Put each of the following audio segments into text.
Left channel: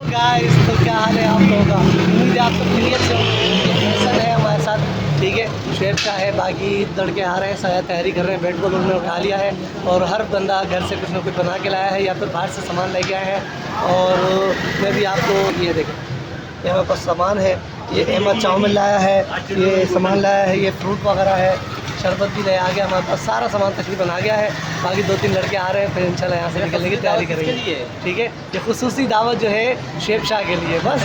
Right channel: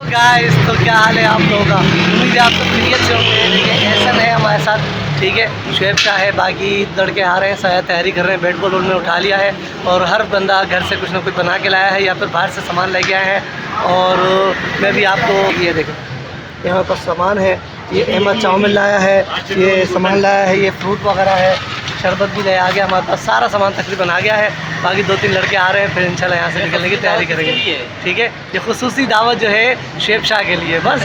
Guys तो क्या हाल है आप लोगों का। उम्मीद है आप तो क्रिकेट से होंगे। ऐसा है हमारे साथ, ठीक है। शुएब शाह है, बाकी लड़के आ रहे हैं, शायद तैयारी कर रहे हैं। बैट बॉल उन्होंने उठा लिया है और हर बंदा घर से कुछ ना कुछ बना के लाया है या फिर बाहर से सामान लेके आए हैं। और मैं भी आप लोग ये देखें, यहाँ पर सामान है। ये अहमद चाउमिन लाया है, ये सामान लाया है, ये फ्रूट वगैरह है, शरबत भी ले आ गया हमारे पास। सारा सामान तकरीबन आ गया है। बाकी 2-3 लड़के आ रहे हैं, फिर इंशाल्लाह यहाँ से निकलने की तैयारी करेंगे, ठीक है। ये खुसूसी दावत जो है शुएब शाह के लिए। बस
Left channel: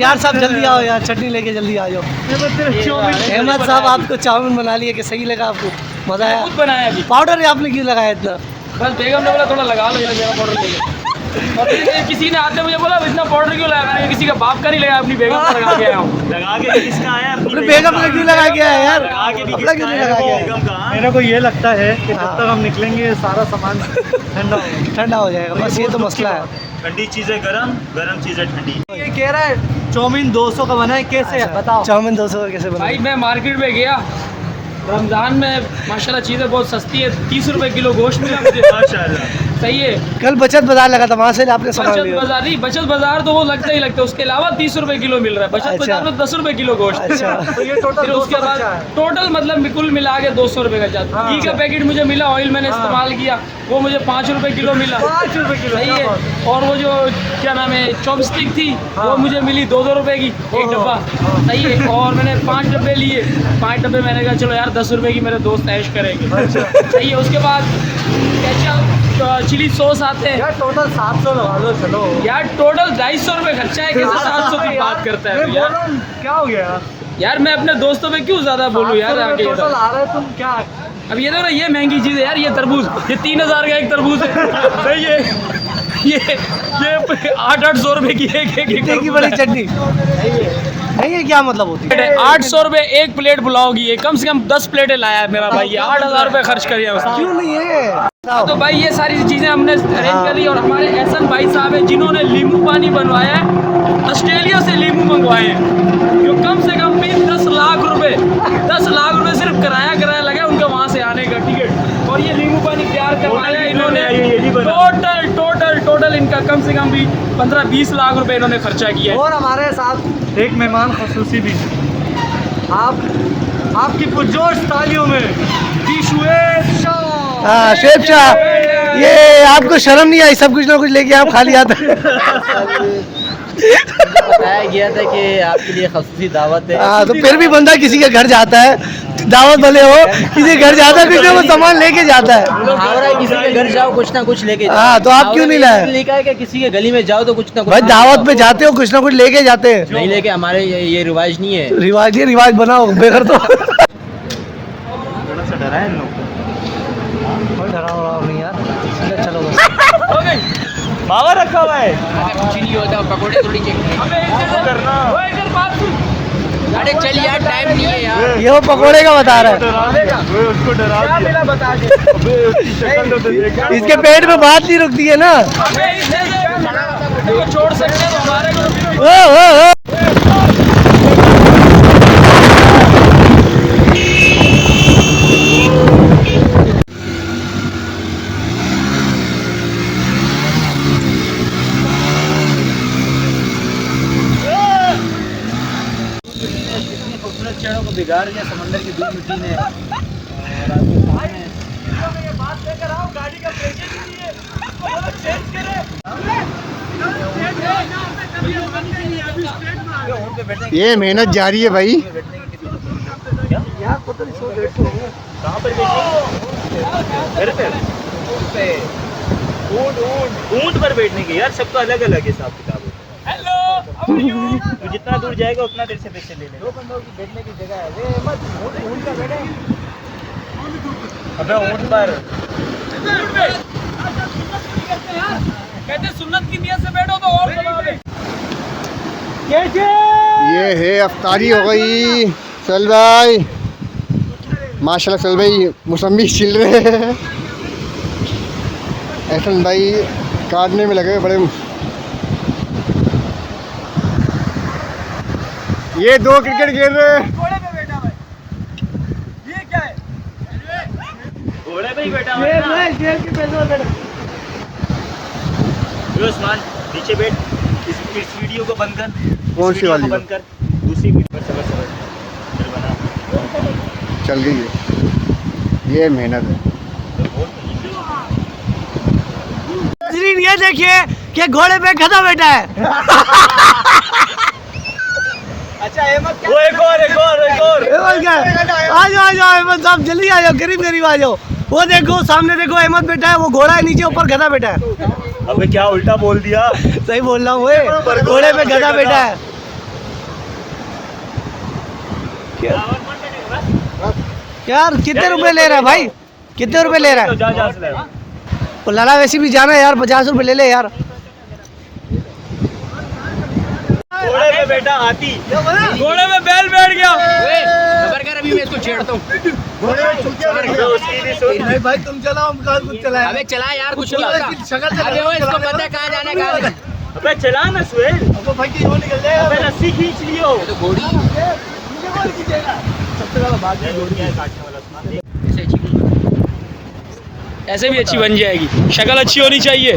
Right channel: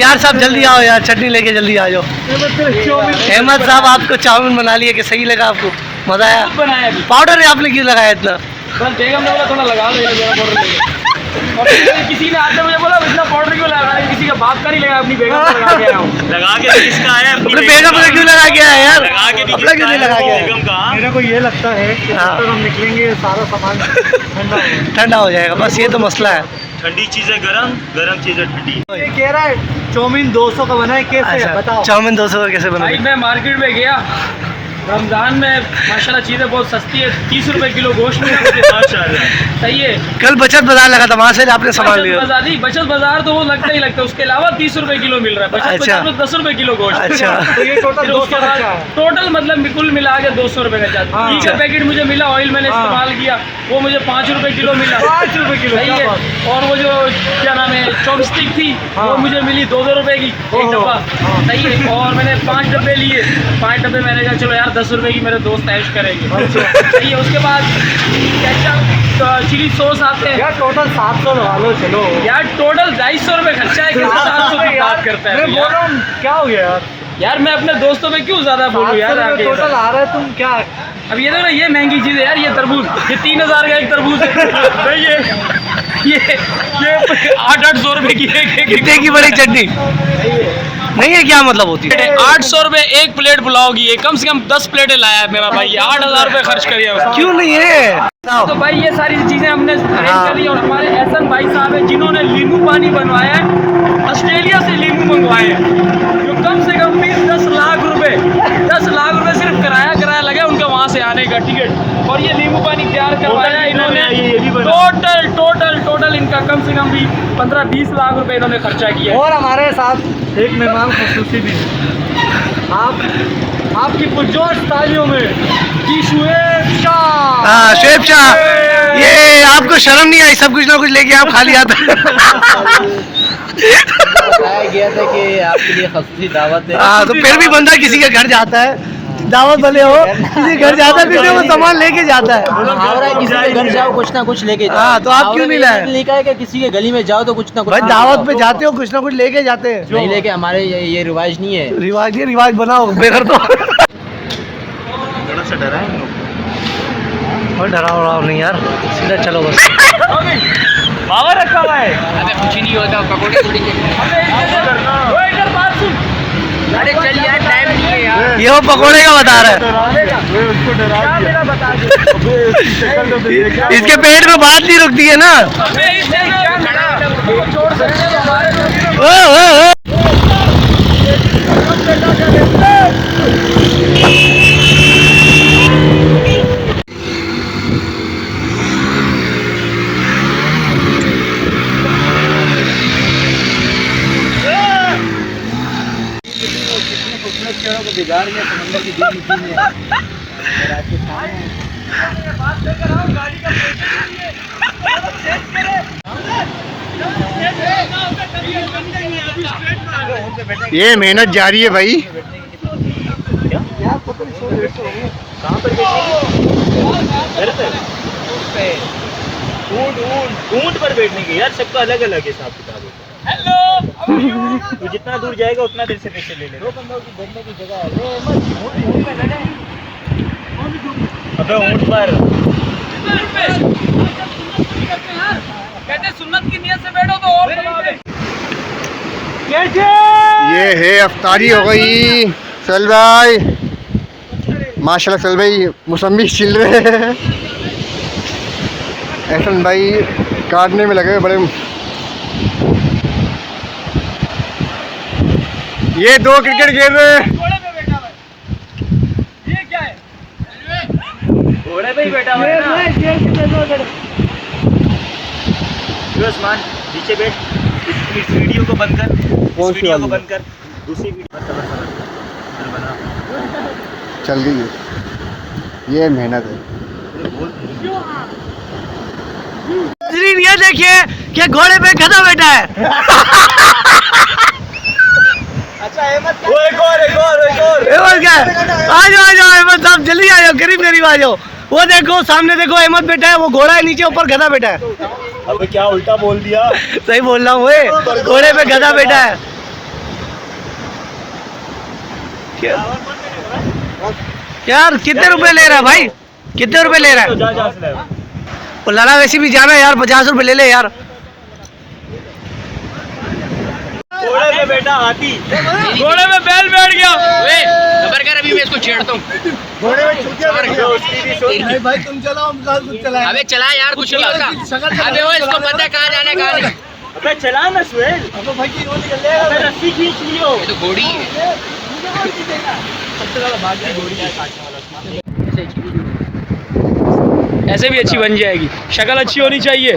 यार साहब जल्दी आओ यार, चटनी लेके जल्दी आ जाओ। अहमद साहब आपको चाउमिन बना लिए कि सही लगा आपको? मज़ा आया? पाउडर आपने क्यों लगाया इतना? बस बेगम ने बोला थोड़ा लगा लो मेरा पाउडर लेके। और किसी ने आते मुझे बोला इतना पाउडर क्यों लगा, किसी का बाप का नहीं लगा, अपनी बेगम को लगा के आया हूँ। लगा के किसका आया? अपने बेगम को क्यों लगा के आया यार? अपना क्यों नहीं लगा के आया? मेरे को ये लगता है कि जब तक हम निकलेंगे सारा सामान ठंडा हो जाएगा, बस ये तो मसला है। ठंडी चीजें गरम, गरम चीजें ठंडी। ये कह रहा है चाउमीन 200 का बना है, कैसे है बताओ? चाउमीन 200 का कैसे बना? भाई मैं मार्केट में गया, रमज़ान में माशाल्लाह चीज़ें बहुत सस्ती है। 30 रुपए किलो गोश्त मिला मुझे, माशाल्लाह सही है। कल बचत बाजार लगा था, वहाँ से आपने सामान लिया? बाजार नहीं, बचत बाजार तो वो लगता ही लगता है। उसके अलावा 30 रुपए किलो मिल रहा है। बचत बाजार में 10 रुपए किलो गोश्त। अच्छा फिर उसके बाद टोटल मतलब कुल मिला के 200 रुपए का चार्ज। घी का पैकेट मुझे मिला, ऑयल मैंने इस्तेमाल किया, वो मुझे 5 रुपए किलो मिला। 5 रुपए किलो, सही है। और वो जो क्या नाम है चॉपस्टिक थी, वो मुझे मिली 2-2 रुपए की एक डब्बा, सही है। और मैंने 5 डब्बे लिए, 5 डब्बे मैंने कहा चलो यार 10 रुपए की मेरे दोस्त ऐश करेंगे, सही है। उसके बाद केचप, चिली सॉस आते हैं। यार टोटल 700 लगा लो चलो यार टोटल 250 रुपए खर्चा है, कैसे 700 की बात करता है यार? क्या हो गया यार मैं अपने दोस्तों पे क्यों ज्यादा बोलूँ यार आगे टोटल आ रहा है, तुम क्या? अब ये देखो ना, ये महंगी चीज़ है यार। ये तरबूज, ये 3000 का एक तरबूज है, सही है। ये 800 रुपए की एक कितने की बड़ी चटनी नहीं है, क्या मतलब होती है? 800 रुपए एक प्लेट पुलाव की है। कम से कम 10 प्लेटें लाया है मेरा भाई, 8000 रुपए खर्च करिए उसने। क्यों नहीं है? तो भाई ये सारी चीजें हमने अरेंज करी। और हमारे एहसन भाई साहब हैं जिन्होंने नींबू पानी बनवाया है, ऑस्ट्रेलिया से नींबू मंगवाए हैं, जो कम से कम भी 10 लाख रुपए सिर्फ किराया लगा उनका वहाँ से आने का टिकट। और ये नींबू पानी तैयार करवाया इन्होंने। टोटल इनका कम से कम भी 15-20 लाख रुपए इन्होंने खर्चा किया है। और हमारे साथ एक मेहमान खुसूसी भी है। आपकी पुरजोश तालियों में जी शुएब शाह। हाँ शुएब शाह, ये आपको शर्म नहीं आई? सब कुछ ना कुछ लेके आप खाली आता है। बताया गया था कि आपके लिए खसूसी दावत है। हाँ तो फिर भी बंदा किसी के घर जाता है, दावत वाले हो, किसी घर जाता है फिर वो सामान लेके जाता है। मुहावरा है किसी के घर जाओ कुछ ना कुछ लेके जाओ। हाँ तो आप क्यों नहीं लाए? लिखा है कि किसी के गली में जाओ तो कुछ ना कुछ भाई दावत पे जाते हो, कुछ ना कुछ लेके जाते हैं। नहीं लेके, हमारे ये रिवाज नहीं है। रिवाज बनाओ बेघर तो। थोड़ा सा डरा है और डराओ नहीं यार, सीधा चलो बस। पावर रखा हुआ है। कुछ नहीं होता, पकौड़े अरे चल यार, टाइम नहीं है यार। ये वो पकोड़े का बता रहा है, उसको डरा दिया। बता दे। इसके पेट में बात नहीं रुकती है ना। छोड़ सकते हैं तो हमारे ओ, ओ, ओ। को बिगाड़ के समंदर की बीच मिट्टी में ये मेहनत जारी है भाई। ऊंट पर बैठने की यार, सबका अलग अलग हिसाब किताब होता है। तो जितना दूर जाएगा उतना देर से पैसे ले लेगा। 2 बंदों की बैठने की जगह है। अबे ऊंट पर कहते सुन्नत की नियत से बैठो तो और सवाब है। ये है अफ्तारी हो गई। सल भाई माशाल्लाह, सल भाई मौसमी छिल रहे हैं। एहसन भाई काटने में लगे बड़े। ये 2 क्रिकेट खेल रहे हैं। घोड़े पे बैठा भाई, ये क्या है? घोड़े पे ही बैठा है। ये जेल के पैसे बैठा। उस्मान नीचे बैठ, इस वीडियो को बंद कर। कौन सी वाली? बंद कर, दूसरी वीडियो चल बना। चल गई है, ये मेहनत है। ये देखिए कि घोड़े पे गधा बैठा है। अच्छा अहमद क्या? एक और अहमद क्या है? आ जाओ अहमद साहब, जल्दी आ जाओ, करीब करीब आ जाओ। वो देखो सामने देखो, अहमद बैठा है, वो घोड़ा है नीचे, ऊपर गधा बैठा है। अबे क्या उल्टा बोल दिया? सही बोल रहा हूँ, वो घोड़े पे गधा बैठा है। यार कितने रुपए ले रहा है भाई, कितने रुपए ले रहा है? वो लड़ा वैसे भी जाना है यार, 50 रुपए ले ले यार। घोड़े पे बैठा हाथी, घोड़े में बैल बैठ गया। अभी मैं इसको छेड़ता हूँ। भाई तुम चलाओ, कुछ चलाए। अबे चला यार, कुछ नहीं होता। अबे वो इसको पता है कहाँ जाना है, कहाँ नहीं। अबे चला ना सुहेल, अब भाई की वो निकल जाएगा। रस्सी खींच लियो। ये तो घोड़ी है। सबसे ज्यादा भागी घोड़ी है। ऐसे भी अच्छी बन जाएगी, शक्ल अच्छी होनी चाहिए।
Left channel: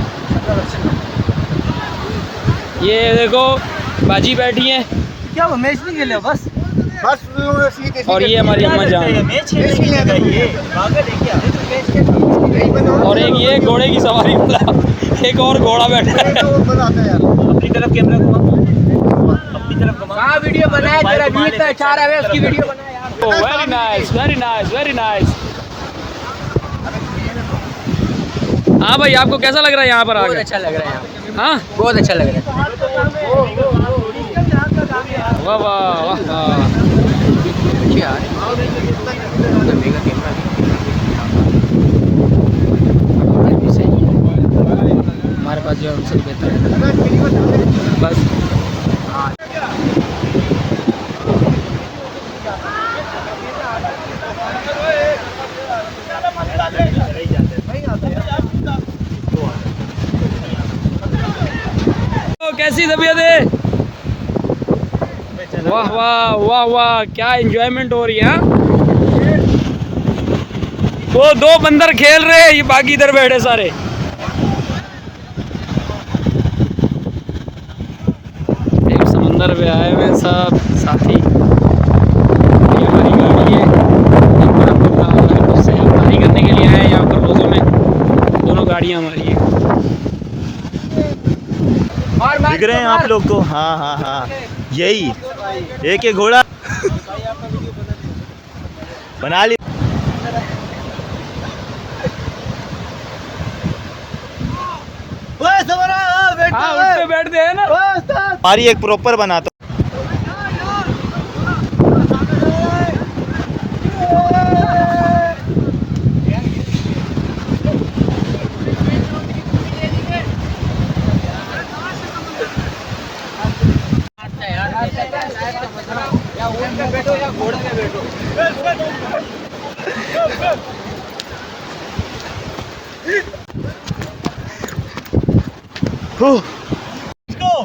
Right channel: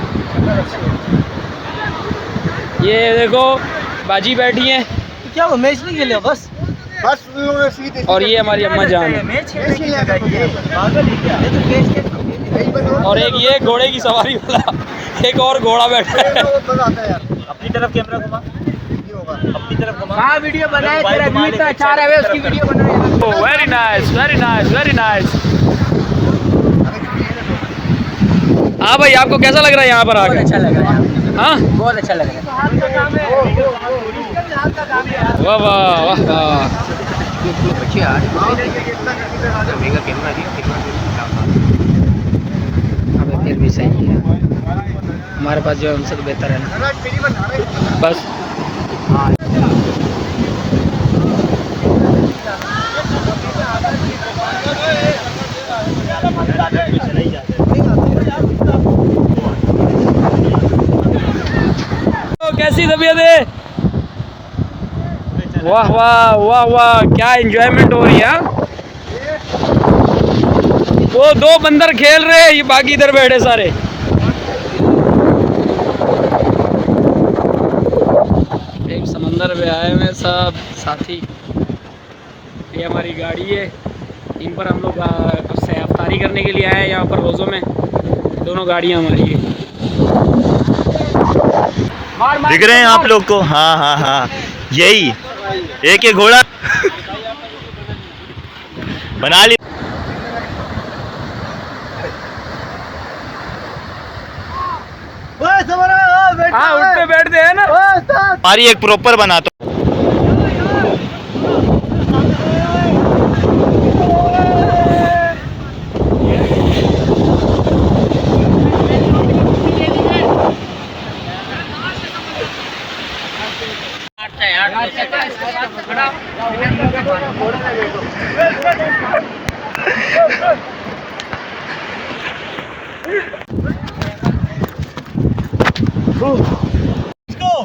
ये देखो बाजी बैठी हैं, क्या वो मैच नहीं खेले बस? और ये हमारी अम्मा जान है। मैच खेलने लगा ये, पागल है क्या? और एक ये घोड़े की सवारी वाला, एक और घोड़ा बैठा है। अपनी तरफ कैमरा घुमा, अपनी तरफ घुमा। हाँ वीडियो बनाए, तेरा व्यू इतना अच्छा आ रहा है, उसकी वीडियो बना यार। Very nice, very nice, very nice. हाँ भाई, आपको कैसा लग रहा है यहाँ पर आकर? अच्छा लग रहा है, हाँ बहुत अच्छा लग रहा है। वाह वाह वाह वाह। बच्चे यार मेगा कैमरा भी सही है। हमारे पास जो है उनसे तो बेहतर है ना। बस तो कैसी तबीयत है? वाह वाह वाह वाह, क्या एंजॉयमेंट हो रही है। हाँ? वो दो बंदर खेल रहे हैं, ये बाकी इधर बैठे सारे। एक समंदर पे आए हुए सब साथी। ये हमारी गाड़ी है, इन पर हम लोग उससे अफ्तारी करने के लिए आए हैं। यहाँ पर रोज़ों में दोनों गाड़ियाँ हमारी है। दिख रहे हैं आप लोग को? हाँ हाँ हाँ, यही एक घोड़ा बना ली। हाँ, उठते बैठते हैं ना। हमारी एक प्रॉपर बनाता।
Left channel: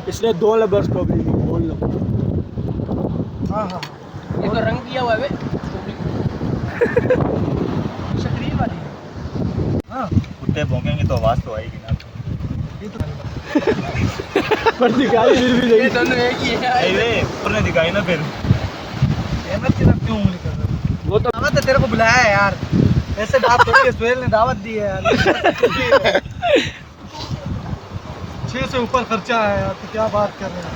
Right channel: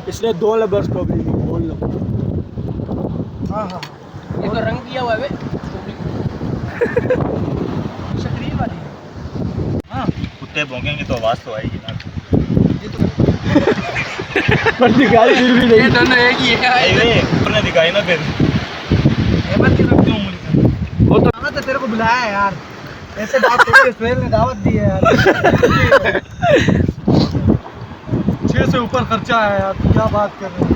इसने 2 लबर्स को भी बोल लो। ये तो रंग किया हुआ है। कुत्ते भौंकेंगे तो आवाज तो आएगी ना। पर दिखाई फिर भी नहीं। दोनों एक ही है। तुमने दिखाई ना फिर। अहमद की तरफ क्यों मुझे करना? वो तो तेरे को बुलाया है यार, ऐसे बात थोड़ी है, सुहेल ने दावत दी है यार। 6 से ऊपर खर्चा है यार, क्या बात कर रहे हैं?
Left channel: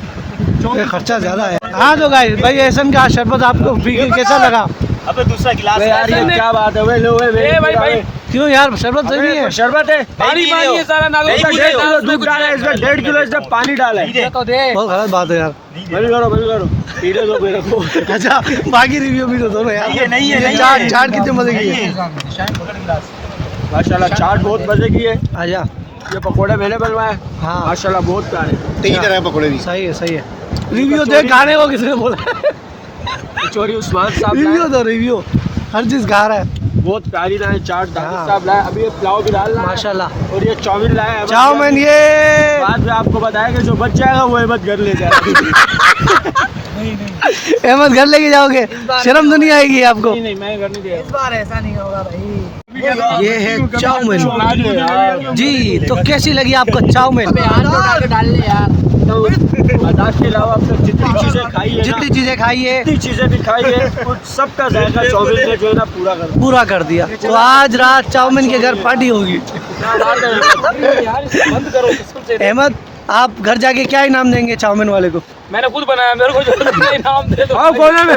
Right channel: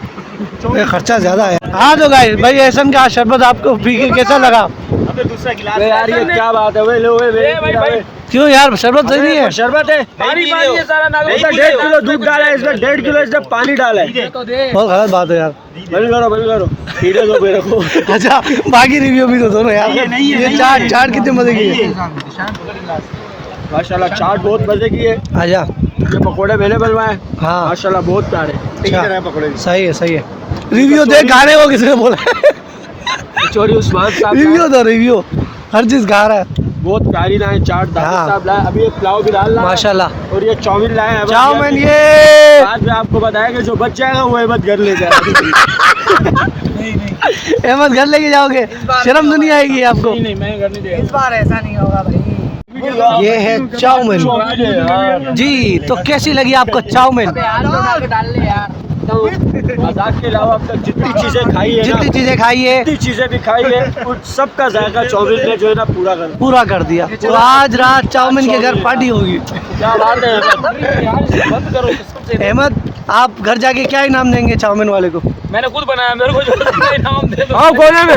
खर्चा ज्यादा है। हाँ तो गाइस, भाई एहसन का शरबत आपको पी के कैसा लगा? अबे दूसरा गिलास यार ये क्या बात है? वे लो वे क्यों यार, शरबत सही नहीं है? शरबत है, पानी है सारा। 1.5 किलो दूध डाला है इसमें, 1.5 किलो इसमें पानी डाला है। बहुत गलत बात है यार। बंद करो पीने दो मेरे को। अच्छा बाकी रिव्यू भी तो दोनों यार। ये चाट कितने मजे की है माशाल्लाह, चाट बहुत मजे की है। आजा। ये पकोड़े मैंने बनवाए। हाँ माशाल्लाह बहुत प्यारे। पकौड़े भी सही है, सही है। रिव्यू देख, गाने को किसने बोला? कचौड़ी उस्मान साहब रिव्यू दो, रिव्यू हर चीज गा रहा है। बहुत प्यारी लाए, चाट दावत हाँ। साहब लाए, अभी ये पुलाव भी डाल रहा है। माशाल्लाह। और ये चाउमीन लाए हैं। चाउमीन ये बाद में आपको बताएगा, जो बच जाएगा वो अहमद घर ले जाएगा। अहमद घर लेके जाओगे, शर्म तो नहीं आएगी आपको? नहीं मैं घर नहीं इस बार ऐसा नहीं होगा भाई। ये है चाउमीन जी। तो कैसी लगी आपको चाउमीन? आदाब के अलावा अब तक जितनी चीज़ें खाई है, जितनी चीजें खाई है जितनी चीज़ें भी खाई है, उन सबका जायका चाउमीन ने जो है ना पूरा कर दिया। तो आज रात चाउमीन के घर पार्टी होगी। बंद करो कसम से। अहमद, आप घर जाके क्या इनाम देंगे चाउमीन वाले को? मैंने खुद बनाया, मेरे को जो इनाम दे दो। बोले में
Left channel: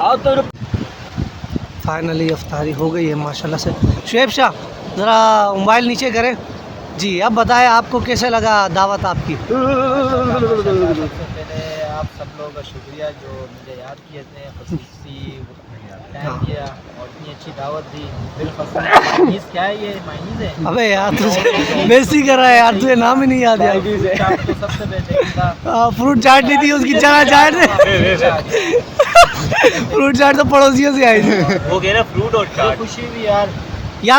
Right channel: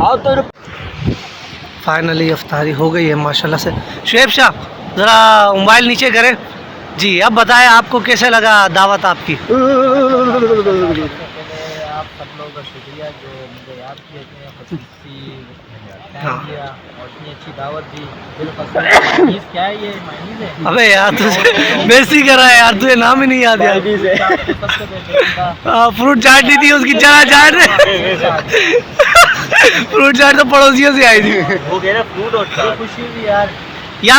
आओ तो फाइनली अफ्तारी हो गई है माशाल्लाह से। शुएब शाह, ज़रा मोबाइल नीचे करें जी। अब बताएं आपको कैसे लगा दावत आपकी? आप सब लोगों का शुक्रिया जो मुझे याद किए थे, खसूसी प्लान किया और इतनी अच्छी दावत दी। मायनीज़ क्या है ये? मायनीज़ है? अबे यार तुझे बेइज्जती कर रहा है यार, तुझे नाम ही नहीं याद यार। सबसे बेहतरीन फ्रूट चाट दी थी उसकी, चना चाट फ्रूट चाट तो पड़ोसियों से आई थी वो कह रहा फ्रूट और खुशी भी यार।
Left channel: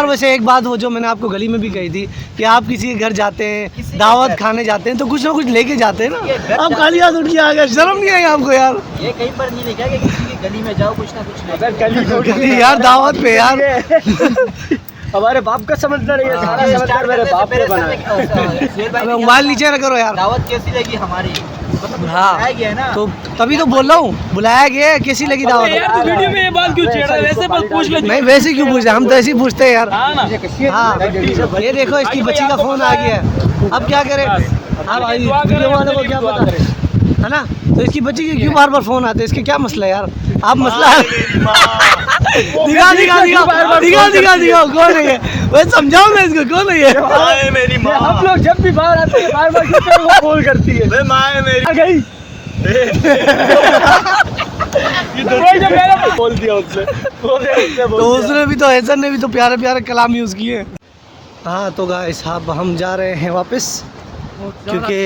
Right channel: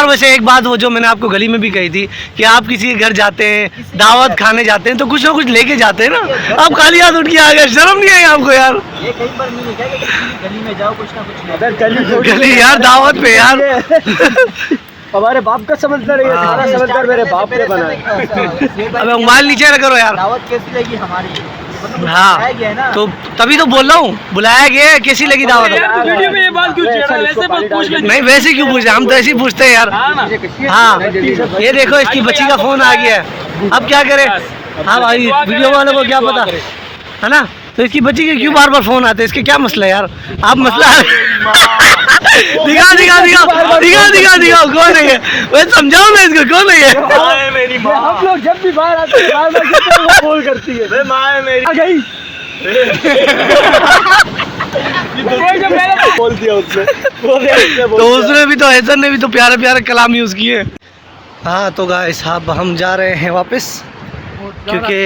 वैसे एक बात वो जो मैंने आपको गली में भी कही थी कि आप किसी के घर जाते हैं, दावत खाने जाते हैं तो कुछ ना कुछ लेके जाते हैं ना। आप खाली हाथ उठ के आ गए, शर्म नहीं आई आपको यार? ये कहीं पर नहीं लिखा कि किसी की गली में जाओ कुछ ना कुछ ले। गली यार, दावत पे यार। हमारे बाप का समझदार है, सारा समझदार मेरे बाप ने बनाया। अबे मोबाइल नीचे रख करो यार। दावत कैसी लगी हमारी? मतलब हाँ, बुलाया गया है ना। तो तभी तो बोल रहा हूँ, बुलाया गया है, कैसी लगी दावत? यार तू वीडियो में ये बात क्यों छेड़ा? ऐसे बस पूछ ले। नहीं वैसे क्यों पूछे, हम तो ऐसे ही पूछते हैं यार। हाँ ना। हाँ, ये देखो इसकी बच्ची का फोन आ गया है, अब क्या करें? हाँ भाई, वीडियो वालों को क्या पता है ना? तो इसकी बच्ची के क्यों बार बार फोन आते हैं, इसके क्या मसला है यार? आप मसला दिखाओ कौन है ये? वैसे समझाओ ना इसको, कौन है ये? मेरी माँ। हम लोग जब भी बाहर आते हैं बार बार कॉल करती है। माँ है मेरी। आ गई। बोल दिया उसने। तो उसने भी तो, हैसन ने भी तो प्यारे प्यारे कलाम यूज़ किए। हाँ तो गाइस साहब हम जा रहे हैं वापस, क्योंकि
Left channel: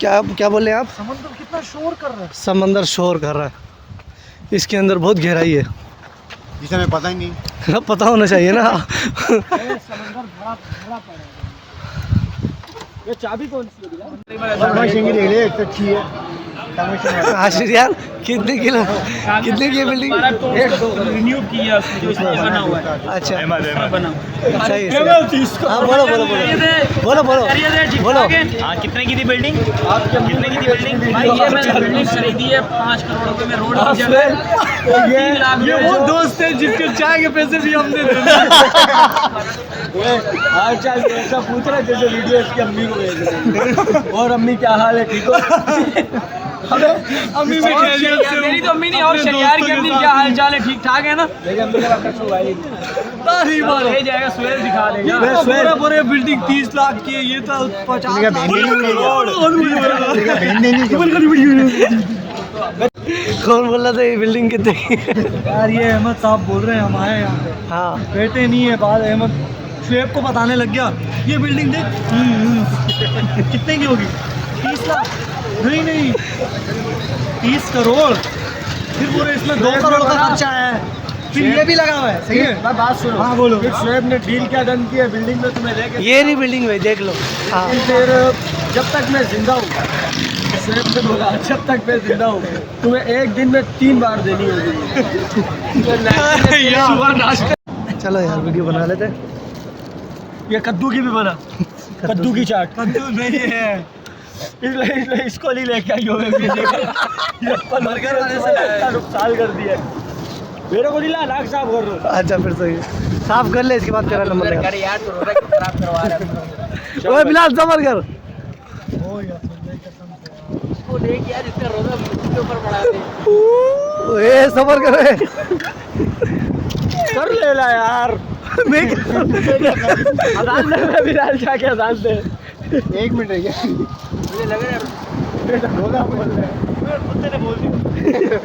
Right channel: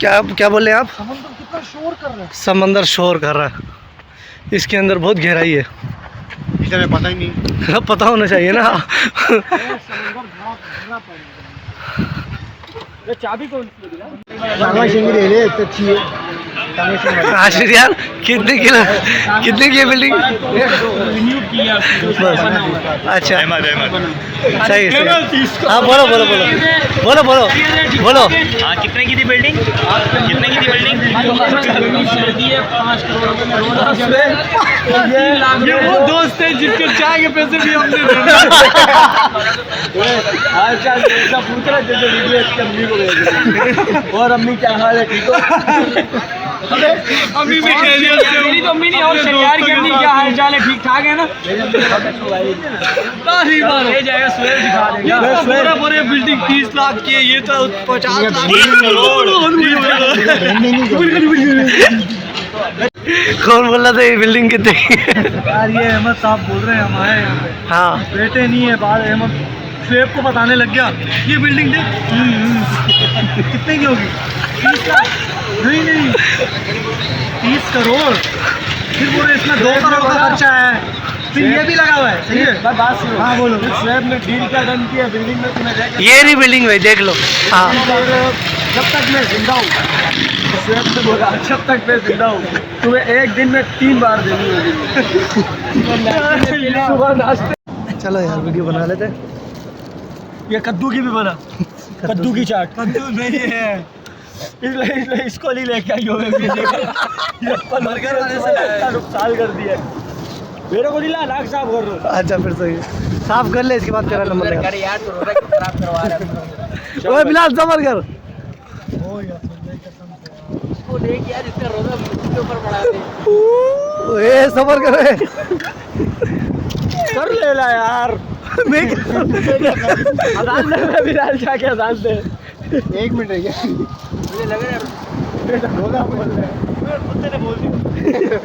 क्या क्या बोले आप? समंदर कितना शोर कर रहा है। समंदर शोर कर रहा है, इसके अंदर बहुत गहराई है। इसे हमें पता ही नहीं। पता होना चाहिए ना। ये चाबी कौन सी है? अच्छी है। आशिर यार, कितने की बिल्डिंग? रिन्यू किया उसने, जो बना हुआ है। अच्छा सही सही। हाँ बोलो बोलो बोलो बोलो बोलो बोलो। कितने की थी बिल्डिंग? कितने की थी बिल्डिंग? भाई ये बिल्डिंग खरीदी है 5 करोड़ रुपए में, रोड की जगह। ये वो दोस्त है जिसके चाय के पैसे भी हमने दे दिए। हाल चाल ऐसा पूछ रहा जैसे वीडियो इसकी अम्मी को भेज रहे। और अम्मी क्या हाल है, ठीक हो? अम्मी भी मेरी तो अम्मी नहीं, और शनियार की अम्मी क्या हाल चाल है, ठीक ठाक है ना? ले जाएगा सुरेश दिखा देगा। पूरे बिल्डिंग 30 लाख की है, ये तो 50 लाख कौन बोल रहा था ये बिल्डिंग कितने की है? यार ये अहमद साहब बोल रहे हैं हमारे यहाँ पे। हाँ बेटे नहीं है बात, अहमद शुएब को बताने लग गया ये बिल्डिंग देख। कितने की होगी? 30 लाख? नहीं 30 करोड़। फिर पूरे इसमें 2 करोड़ का खर्चा है, फिर ये भी लगा हुआ है। सही है, बात सुनो। हाँ बोलो। शुएब ने डील क्या डन किया बिल्डिंग में, तुम्हें लेके ये रही बिल्डिंग भाई, देख लो। हाँ फिर जब तक मैं जिंदा हूँ, शुएब ने बोला जब तक मैं जिंदा हूँ तुम्हें एक दिन में 3 बार देनी होगी। सुबह नाश्ते। चलो यार वीडियो बना लेते हैं। ये कद्दू की भी बना। कद्दू की चाट। कद्दू नहीं है, इसलिए इसको नहीं लेके आई हो। बर्गर वाले से नुकसान कर दिया मेरे को। दिला नाक साफ कर दो। अच्छा फिर सही है, साफ कर ले, इसके बाद तेरा नंबर लेगा। यार तो रोजा क्यों खराब करवा रहा है? ओए बिलाल सबर कर। इसको देख यार, इसका रोजा मुझे ऊपर पड़ा है। ए सबर कर। कर लेला यार। मैं अजान दे बिलाल, जाके अजान दे। 1 मिनट रह गया। मुझे लग रहा है रोजा बोल रहा है, कुत्ते ने बोल दिया।